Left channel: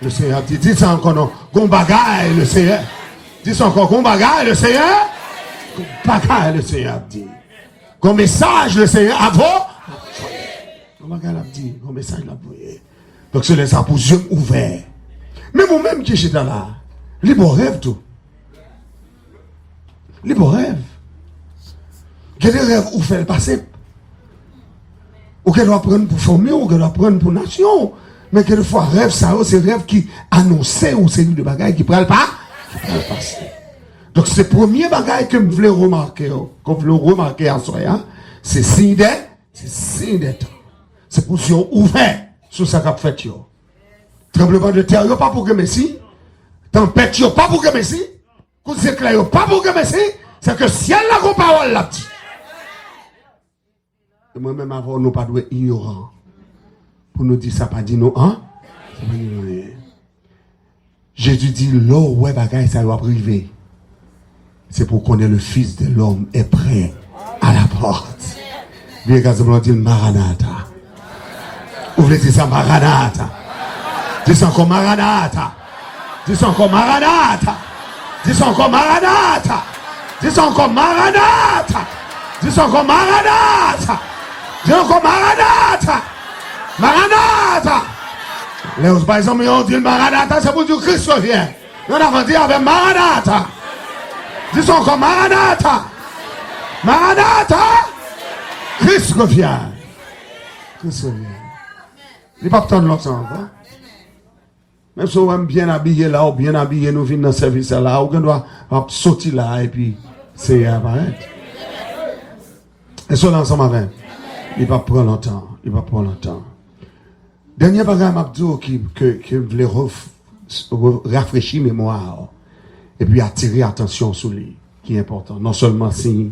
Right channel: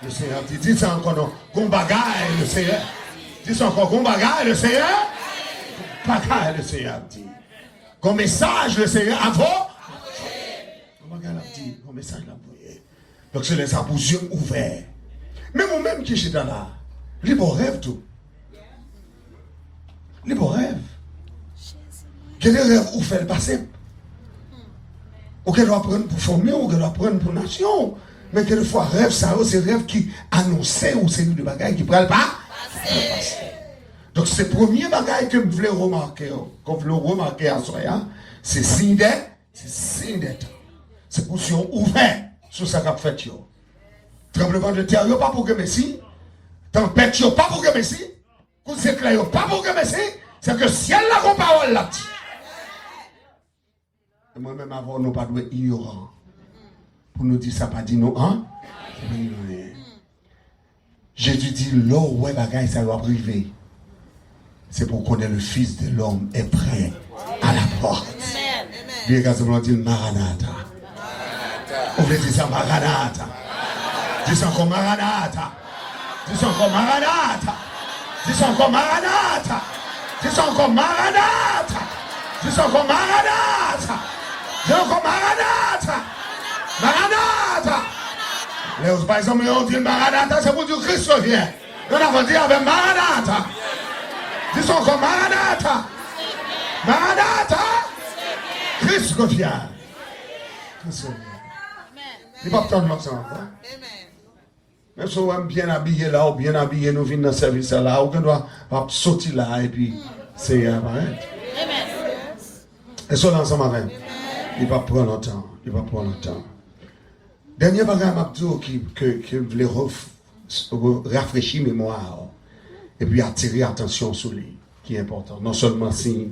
Le Seigneur dit, dis ça encore non. Gon bagaille le Seigneur. Dis ça encore, gon bagaille le Seigneur. Gon bagaille le Seigneur dit. Gon message le Seigneur avant. Gon bagaille l'a dit, gon message l'a envoyé. Donc c'est ça pour yeux ouverts. Mais moi-même qui suis dans là, libre rêve tout. Libre rêve. Il y a des rêves où faire le passé. Ou qu'elle doit prendre pour former, ou qu'elle doit prendre pour nation. Mais quelquefois, rêve, ça, c'est rêve qui annonçait ou c'est de bagaille qui ne prennent pas. Donc, c'est le premier bagaille que je voulais remarquer, à soi, c'est signe des temps. C'est pour si on ouvert sur ça qu'a fait. Tremblement de terre, pas pour que Messi. Tempête, pas pour que Messi. Coup d'éclat, pas pour que Messi. C'est que ciel la grande parole là. Et moi-même, avant, nous pas doué ignorant. Pour nous dire ça, pas dit non, hein? Jésus dit, l'eau, ouais, bagaille, ça doit priver. C'est pour qu'on ait le Fils de l'homme est prêt à la porte. Bien qu'à dit Maranatha. Ouvrez ça, Maranatha. Dis encore Maranatha. Dis encore Maranatha. Dis encore Maranatha. Dis encore Maranatha. Dis encore Maranatha. Dis encore Maranatha. Maranatha. Les autres, par exemple, ils ont dit Maranatha, c'est pour dire Christ revient. On a dit avec Maranatha. Dis encore Maranatha. Maranatha. Christ revient. Christ revient. Il n'y a pas de temps de l'autre encore. Même si on est bien habillé là, ou bien habillé, nous venons dans le service là, ou qu'on doit sortir là, et puis c'est apparaître. Et cela ensemble avec. Il va prendre longtemps. Il va prendre longtemps. Dernier bagage Mabdou qui voulait rafraîchir mémoire et puis attirer attention sur lui, qui est important. Non seulement signe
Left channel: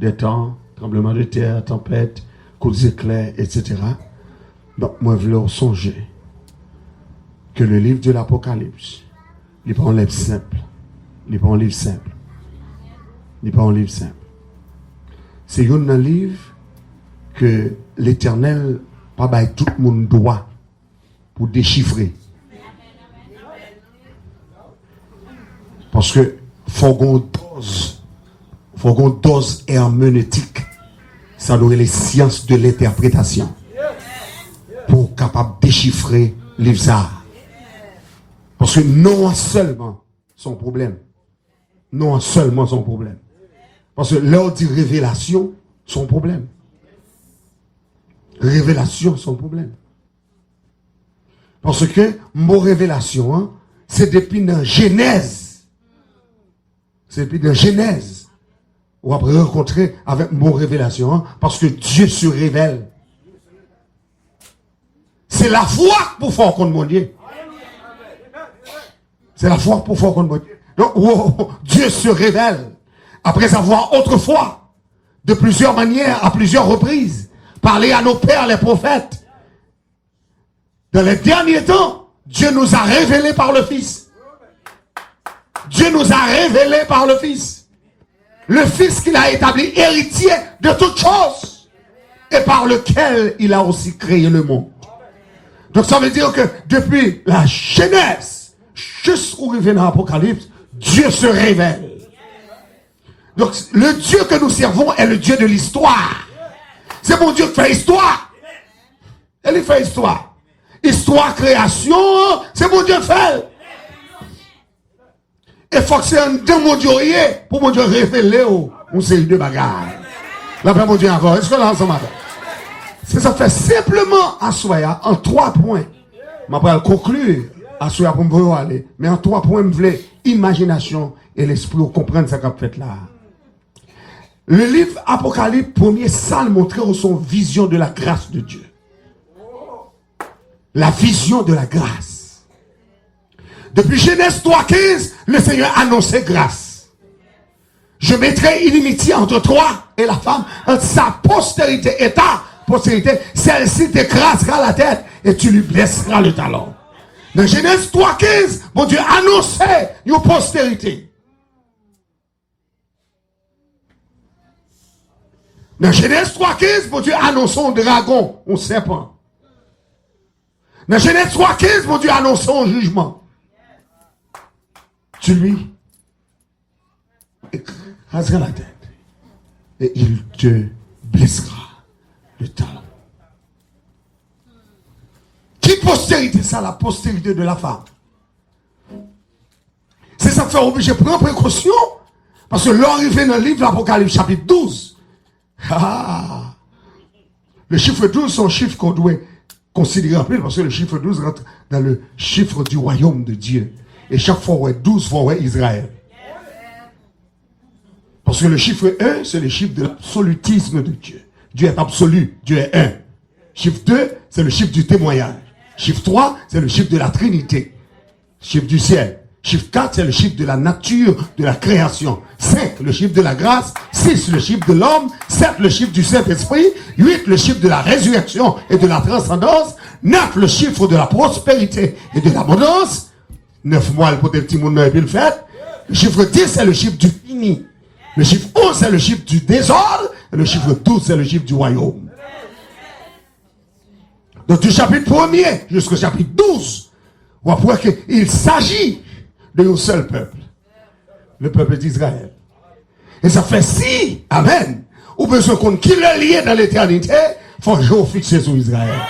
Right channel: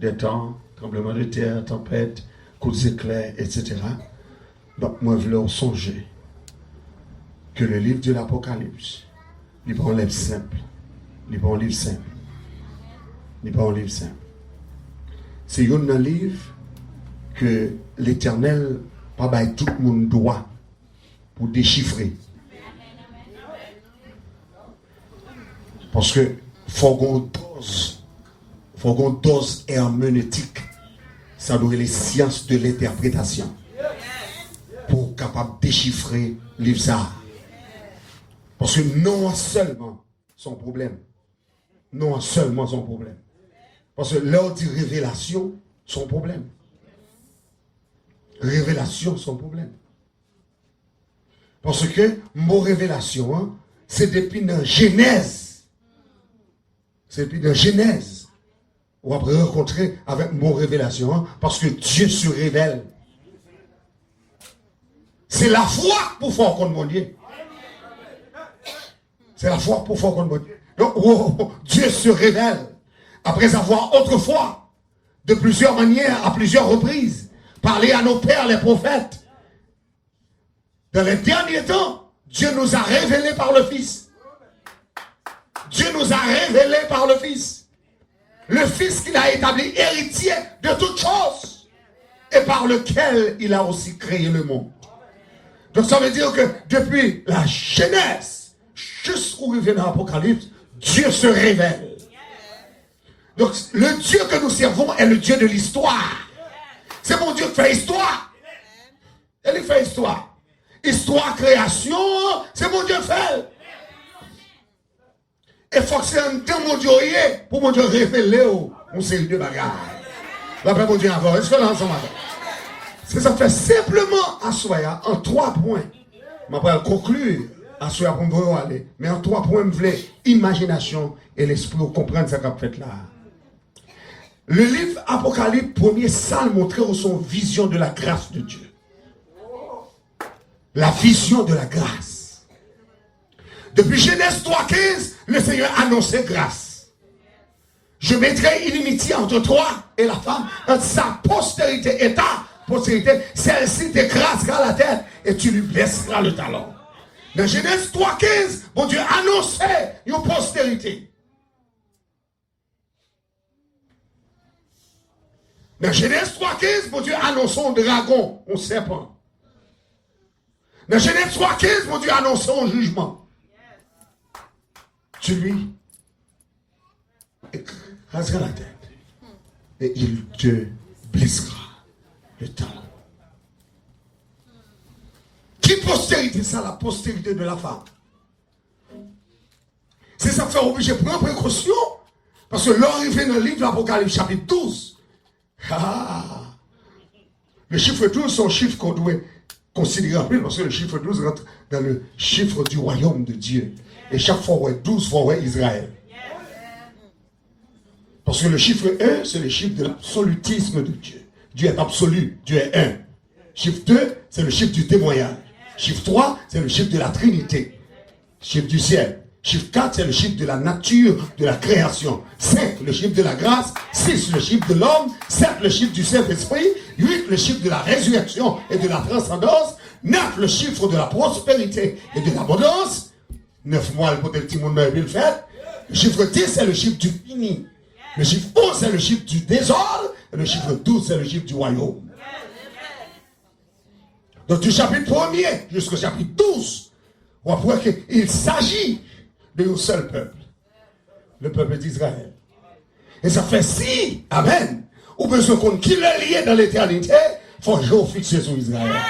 des temps, tremblement de terre, tempête, coups d'éclairs, etc. Donc moi je voulais songer que le livre de l'Apocalypse, il n'est pas un livre simple. Il n'est pas un livre simple. Il n'est pas un livre simple. C'est un livre que l'Éternel pas bail tout le monde droit pour déchiffrer. Parce que faut qu'on dose herméneutique. Ça doit être les sciences de l'interprétation pour capable déchiffrer livre ça. Parce que non seulement son problème. Non seulement son problème. Parce que l'heure dit révélation, son problème. Révélation, son problème. Parce que mon révélation, hein, c'est depuis la Genèse. C'est depuis la Genèse. Ou après rencontrer avec mon révélation, hein, parce que Dieu se révèle. C'est la foi pour faire contre mon Dieu. C'est la foi pour faire contre mon Dieu. Donc, oh, Dieu se révèle. Après avoir autrefois, de plusieurs manières, à plusieurs reprises, parlé à nos pères, les prophètes. Dans les derniers temps, Dieu nous a révélé par le Fils. Dieu nous a révélé par le Fils. Le Fils qu'il a établi héritier de toutes choses. Et par lequel il a aussi créé le monde. Donc ça veut dire que depuis la Genèse, jusqu'au revient dans l'Apocalypse, Dieu se révèle. Donc le Dieu que nous servons est le Dieu de l'histoire. C'est mon Dieu qui fait histoire. Il fait histoire. Histoire, création, c'est mon Dieu qui fait. Et il faut que c'est un temps mon Dieu pour mon Dieu révéler une série de bagages. Là, mon Dieu encore. Est-ce que là, ensemble? C'est ça fait simplement à soi en 3 points. Je vais conclure à soi pour me aller. Mais en 3 points, je voulais imagination et l'esprit pour comprendre ce qu'on a fait là. Le livre Apocalypse, premier salle montrait son vision de la grâce de Dieu. La vision de la grâce. Depuis Genèse 3,15, le Seigneur annonçait grâce. Je mettrai inimitié entre toi et la femme, entre sa postérité et ta postérité. Celle-ci t'écrasera la tête et tu lui blesseras le talon. Dans Genèse 3,15, mon Dieu annonçait une postérité. Dans Genèse 3,15, mon Dieu annonçait un dragon, un serpent. Dans Genèse 3,15, mon Dieu annonce son jugement. Tu lui écraseras la tête et il te blessera le talon. Qui postérité ça? La postérité de la femme. C'est ça qui fait obligé de prendre précaution. Parce que l'arrivée dans le livre l'Apocalypse chapitre 12. Le chiffre 12, c'est un chiffre qu'on doit considérer parce que le chiffre 12 rentre dans le chiffre du royaume de Dieu. Et chaque fois, ouais, 12 fois, ouais, Israël. Parce que le chiffre 1, c'est le chiffre de l'absolutisme de Dieu. Dieu est absolu, Dieu est un. Chiffre 2, c'est le chiffre du témoignage. Chiffre 3, c'est le chiffre de la Trinité. Chiffre du ciel. Chiffre 4, c'est le chiffre de la nature, de la création. 5, le chiffre de la grâce. 6, le chiffre de l'homme. 7, le chiffre du Saint-Esprit. 8, le chiffre de la résurrection et de la transcendance. 9, le chiffre de la prospérité et de l'abondance. 9 mois pour des petits monde et puis le fait. Le chiffre 10, c'est le chiffre du fini. Le chiffre 11, c'est le chiffre du désordre. Et le chiffre 12, c'est le chiffre du royaume. Donc du chapitre 1er jusqu'au chapitre 12, on va voir qu'il s'agit de un seul peuple. Le peuple d'Israël. Et ça fait si, amen, ou besoin qu'on qui le lié dans l'éternité, il faut toujours fixer sur Israël.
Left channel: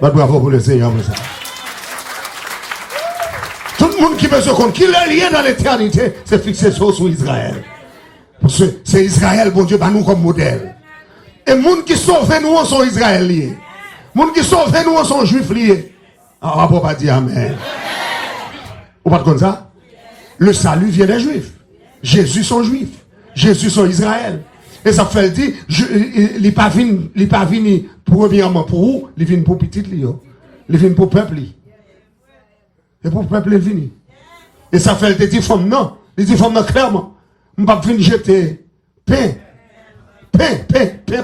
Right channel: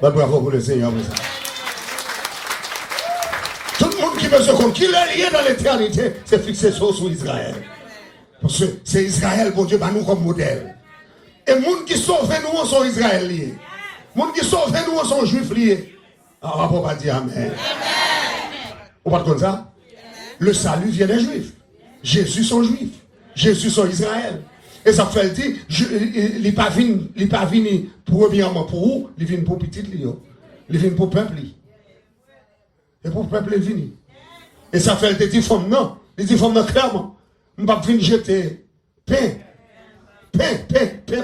Ben, bravo pour le Seigneur pour ça. Tout le monde qui besoin qu'on qui le lié dans l'éternité, c'est fixer sur Israël. Parce que c'est Israël, bon Dieu, bah nous comme modèle. Et les gens qui sauvent nous sont Israël liés. Les gens qui sauvent nous sont juifs liés. On ne va pas dire amen. Vous pas comme ça? Le salut vient des juifs. Jésus sont juifs. Jésus sont Israël. Et ça fait dire, il n'est pas venu premièrement pour vous, il vient pour petit Lio. Il vient pour le peuple. Et pour le peuple, il vient. Et ça fait dire, femme non. Il dit, femme non, clairement. Je ne vais pas venir jeter pain,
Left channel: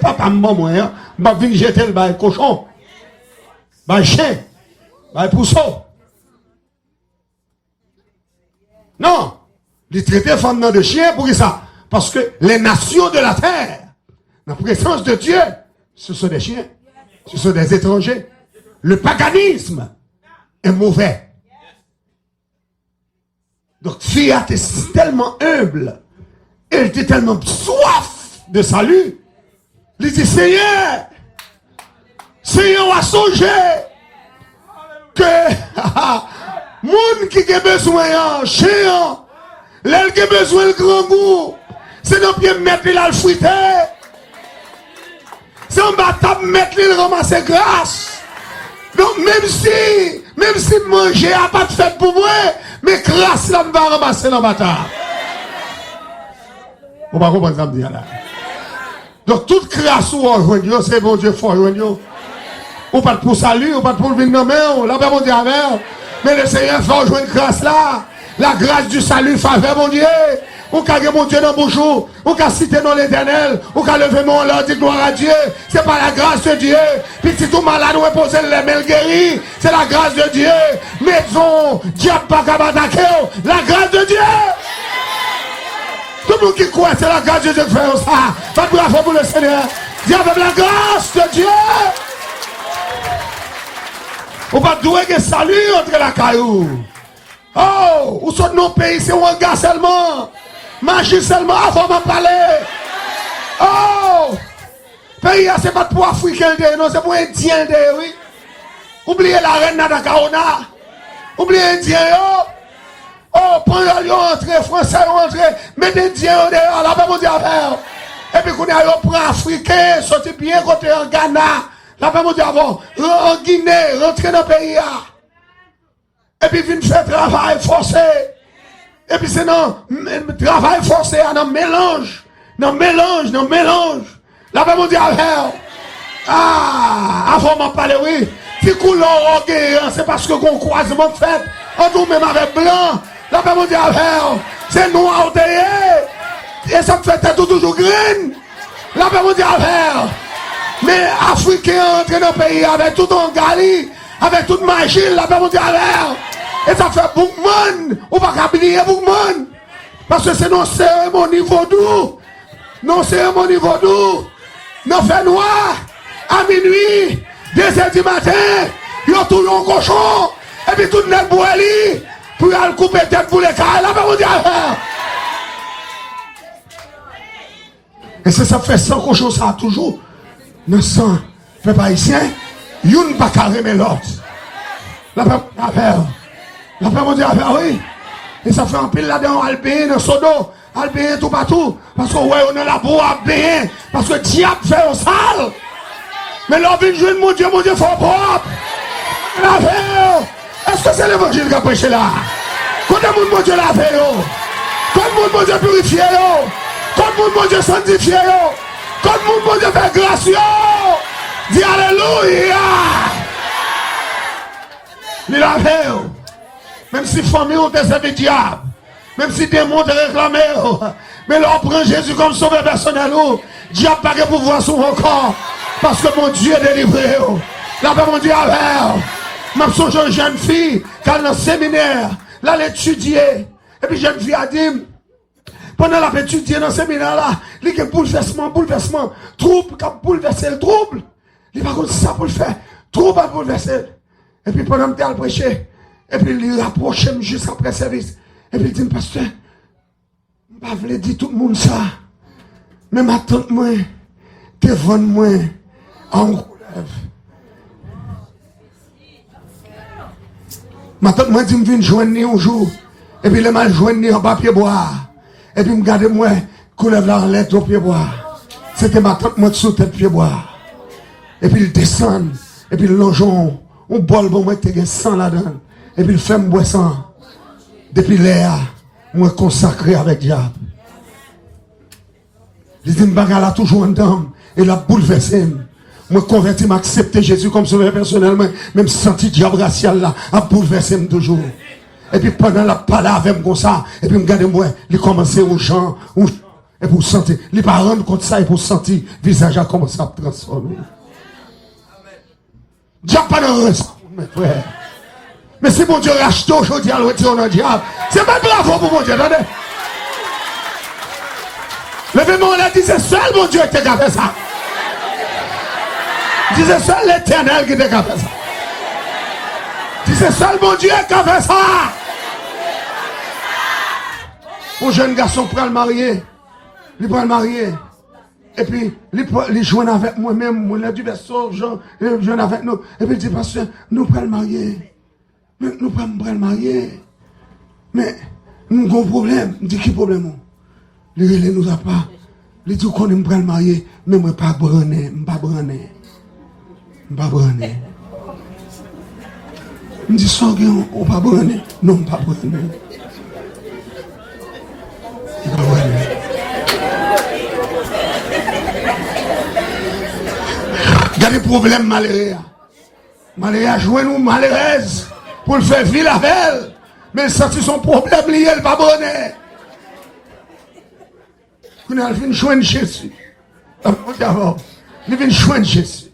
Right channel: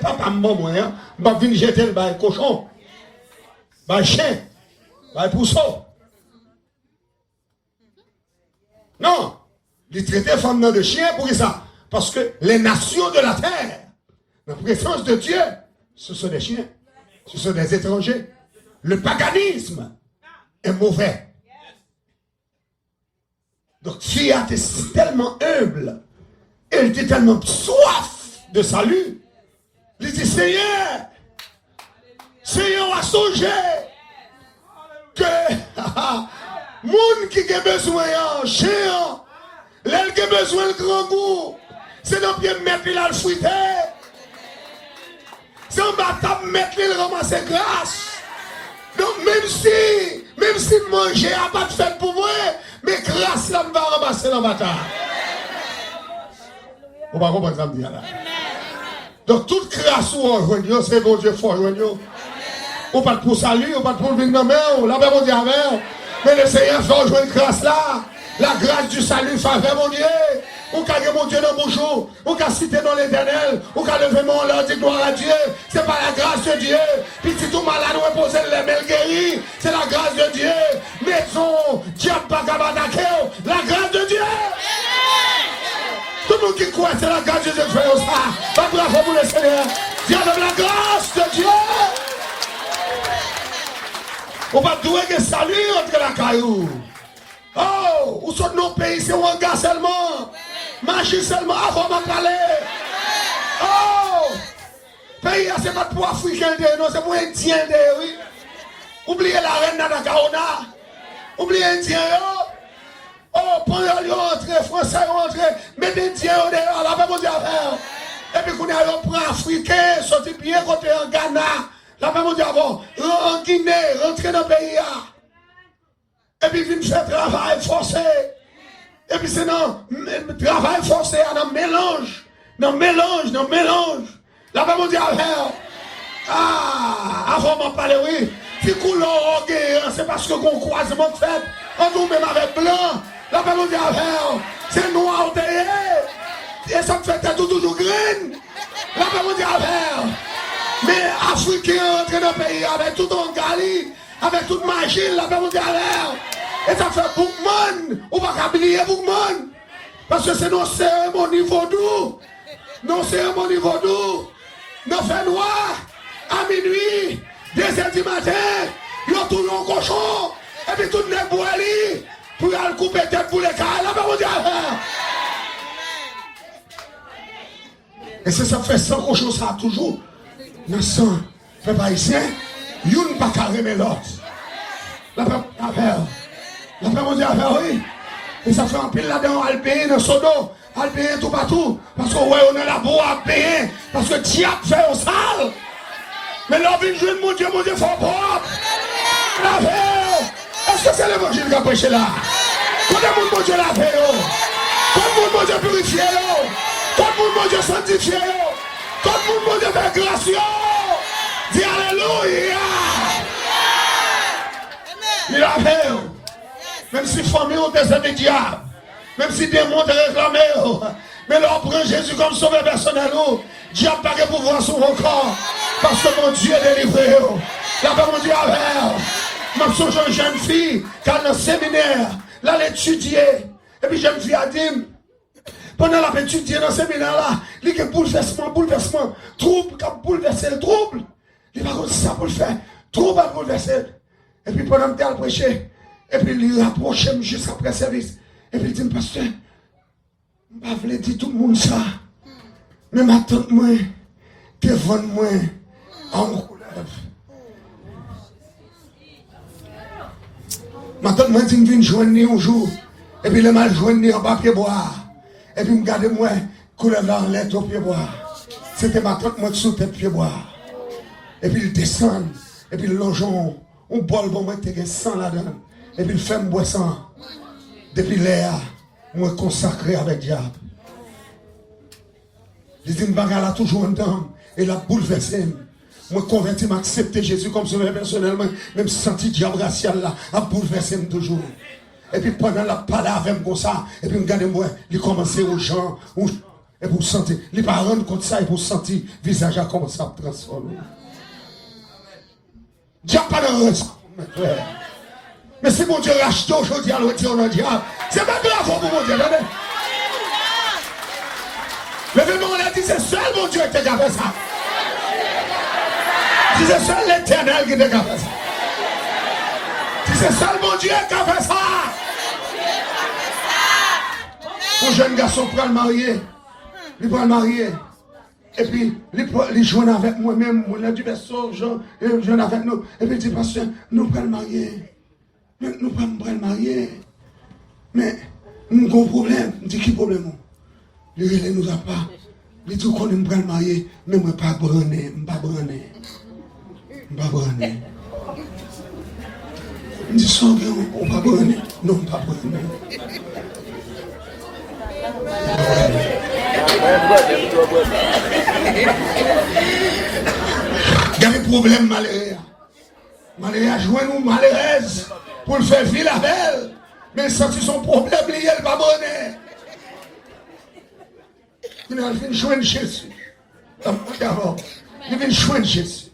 papa, maman, hein. Je ne vais pas venir jeter le cochon, le chien, le pousseau. Non, il traite les femmes de chien pour ça. Parce que les nations de la terre, la présence de Dieu, ce sont des chiens, ce sont des étrangers. Le paganisme est mauvais. Donc, Fiat est tellement humble. Elle était tellement soif de salut. Il dit, Seigneur, a songé que moun qui a besoin de chien, l'elle qui a besoin de grand goût, c'est dans pied mettre là le fruité. C'est en bas table mettre le ramasser grâce. Donc même si manger n'a pas de fait pour moi, mais grâce là va ramasser dans ma table. On va comprendre ça me dire là. Donc toute grâce ou on c'est bon Dieu fort on. Ou pas pour salut, ou pas pour venir dans main, là bon Dieu avec. Mais le Seigneur fait jouer grâce là. La grâce du salut faveur mon Dieu. Ou qu'a mon Dieu dans le bouchon, ou qu'a cité dans l'éternel, ou qu'a levé mon là, dit gloire à Dieu. C'est pas la grâce de Dieu. Puis si tout malade, on reposer les mains guéris, c'est la grâce de Dieu. Maison, diable pas qu'à m'attaquer, la grâce de Dieu. Tout le monde qui croit, c'est la grâce de Dieu qui fait ça. Pas bravo pour le Seigneur. Dieu avec la grâce de Dieu. On va douer que salut entre la caillou. Oh, où sont nos pays, c'est un gars seulement. Magie seulement avant de parler. Oh, pays, c'est pas pour Africain, non, c'est pour Indien, oui. Oubliez la reine Nadakaona. Oubliez Indien, oh, pendant qu'ils entrent, Français entrent, mettez Indien dehors, là-bas, mon Dieu, et puis qu'on a pris Africain, sorti bien côté en Ghana, là-bas, mon Dieu, en Guinée, rentrer dans le pays. Et puis, vient faire travail forcé. Et puis, c'est non, travail forcé, non mélange. Non mélange. Là-bas, mon Dieu, avant m'en parler, oui. Si coulon, c'est parce que qu'on croisement fait. On nous même avec blanc. Là-bas, mon Dieu, c'est noir derrière. Et ça me fait toujours green. Là-bas, mon Dieu, mais Africains rentrent dans le pays avec tout en Gali, avec toute magie, là-bas, mon Dieu, et ça fait Boukman, on va pas oublier Boukman. Parce que c'est nos cérémonies vaudou. Nos cérémonies vaudou. Nos fait noir, à minuit, 2h du matin, Ils ont tout un cochon. Et puis tout le monde boit lui. Pour aller couper tête pour les cas. Là, on dit affaire. Et c'est ça fait 100 cochons, ça toujours. 900. Fait pas ici. Youn pas carré mais l'autre. La paix affaire. La paix on dit affaire, oui. Et ça fait un pile là-dedans, Albéen, dans son dos. Albéen tout partout. Parce que ouais, on est là pour Albéen. Parce que le diable fait au sale. Mais l'homme vient jouer mon Dieu, faut propre. L'affaire. Est-ce que c'est l'évangile qui a prêché là? Quand le monde, mon Dieu, l'a fait, quand le monde, mon Dieu, purifié, quand le monde, mon Dieu, sanctifié, quand le monde, mon Dieu, fait grâce, dis Alléluia. Il a fait. Même si famille ont des amis diables, même si démons ont réclamé, mais leur prend Jésus comme sauveur personnel, diable n'a pas pouvoir sur vos corps, parce que mon Dieu est délivré. Là, mon Dieu a fait. Je suis une jeune fille qui a dans le séminaire, là, elle étudier. Et puis, jeune fille a dit, pendant la étudier dans le séminaire, là, il y a un bouleversement, trouble, qui a bouleversé le trouble. Il va comme ça pour le faire, trouble à bouleverser. Et puis, pendant que je suis prêché, et puis, il rapproche juste après le service. Et puis, il dit, pasteur, je ne vais pas dire tout le monde ça. Mais ma tante, moi, devant moi, en couleur. Ma tante m'a dit, je viens joindre un jour. Et puis, je m'a joindre en papier bois. Et puis, je me garde moi, couleur là en lettre au pied bois. C'était ma tante, moi, sous tête pied bois. Et puis, il descend. Et puis, le longeon, on bol, bon, moi, tu as 100 là-dedans. Et puis, il fait me boire 100. Depuis l'air, moi, consacré avec diable. Il dit, je bagarre toujours un dame. Et la bouleversé. Moi, converti, m'accepter Jésus comme sauveur personnellement, même senti diable racial là, a bouleversé toujours. Et puis pendant la parole avec moi comme ça, et puis me garder moi, il commençait aux gens, et pour sentir, les parents contre ça, et pour sentir, le visage a commencé à transformer. Diable pas dans le mes frères. Mais si mon Dieu rachète aujourd'hui à l'autre dans le diable, c'est pas bravo pour mon Dieu, attendez. Levez-moi, on a dit, c'est seul mon Dieu qui a fait ça. C'est seul l'Éternel qui a fait ça. C'est seul mon Dieu qui a fait ça. Un jeune garçon prend le marier. Il prend le marier. Et puis, il joue avec moi-même. On a du berceau, il joue avec nous. Et puis il dit, pasteur, nous prenons le marier. Nous prenons le marier. Mais, nous avons un problème. Il dit, qui problème? Il ne nous a pas. Il dit, qu'on me prend le marier. Mais moi, pas branner. Je ne pas branner. Pas branner. Il me dit, ça, on pas branner. Non, pas branner. Il y a des problèmes malheureux. Malheureux a joué nous malheureuse pour le faire vivre la belle. Mais ça, c'est son problème lié, il pas branner. Il vient joindre Jésus. Il vient joindre Jésus.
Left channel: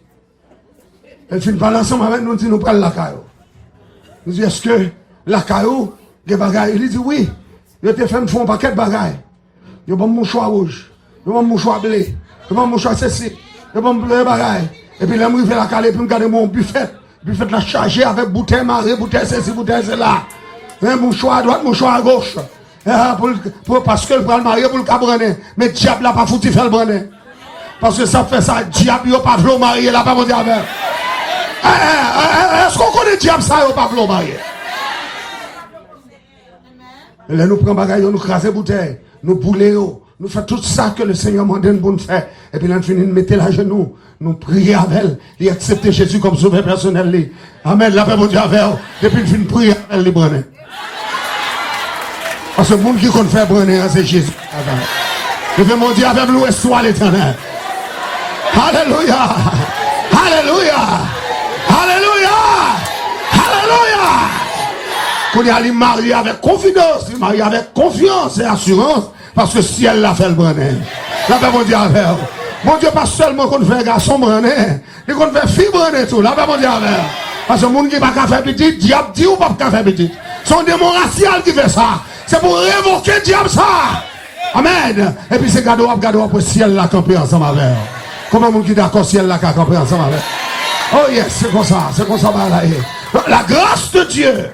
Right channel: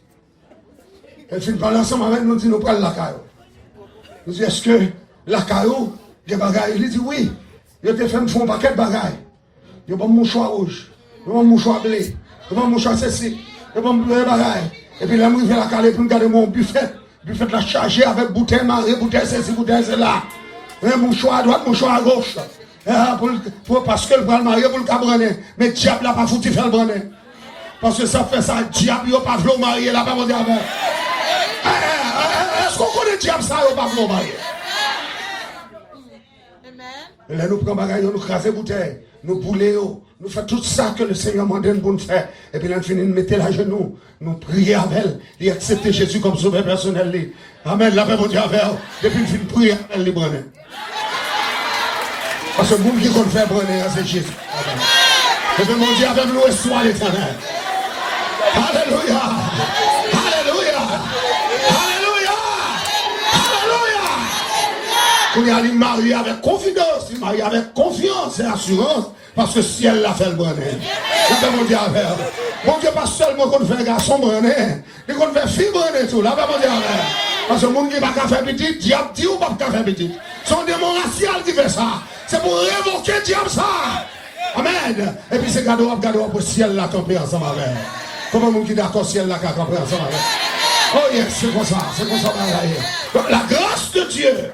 Elle finit par l'ensemble avec nous, dit nous prenons la caillou. Nous dit, est-ce que la caillou, des bagailles? Il dit oui. Il te fait un paquet de bagailles. Il y a un mouchoir rouge, il y a un mouchoir blé, il y a un mouchoir ceci, il y a un bagaille. Et puis là, je vais la caler pour me garder mon buffet. Buffet la chargé avec bouteille marée, bouteille ceci, bouteille cela. Un mouchoir à droite, mouchoir à gauche. Parce que le bras marié pour le cabrener. Mais le diable n'a pas foutu faire le brener. Parce que ça fait ça, le diable n'a pas voulu marier, là, pas mon diable. Est-ce qu'on connaît le diable ça, il n'a pas voulu marier? Et là, nous prenons bagaille, nous crasons bouteille, nous boulons, nous faisons tout ça que le Seigneur m'a donné pour nous faire. Et puis là, nous finissons de mettre la genou, nous prions avec elle, et accepter Jésus comme sauveur personnel. Amen, la paix mon Dieu avec elle. Et puis nous finissons de prier avec elle, les brûler. Parce que le monde qui compte faire brûler, c'est Jésus. Et puis mon Dieu avec nous, et soit l'Éternel. Alléluia! Alléluia! Alléluia! Alléluia! Qu'on y a les mariés avec confidence, les mariés avec confiance et assurance, parce que si elle l'a fait le brenet, là ben mon Dieu avec. Mon Dieu pas seulement qu'on fait garçon brenet, mais qu'on fait fille brenet tout, là ben mon Dieu avec. Parce que le monde qui n'a pas faire petit, diable dit ou pas faire petit. C'est un démon racial qui fait ça. C'est pour révoquer le diable ça. Amen. Et puis c'est cadeau pour si elle l'a campé ensemble avec. Comment on dit d'accord si elle l'a campé ensemble avec? Oh yes, c'est comme ça, balaye. La grâce de Dieu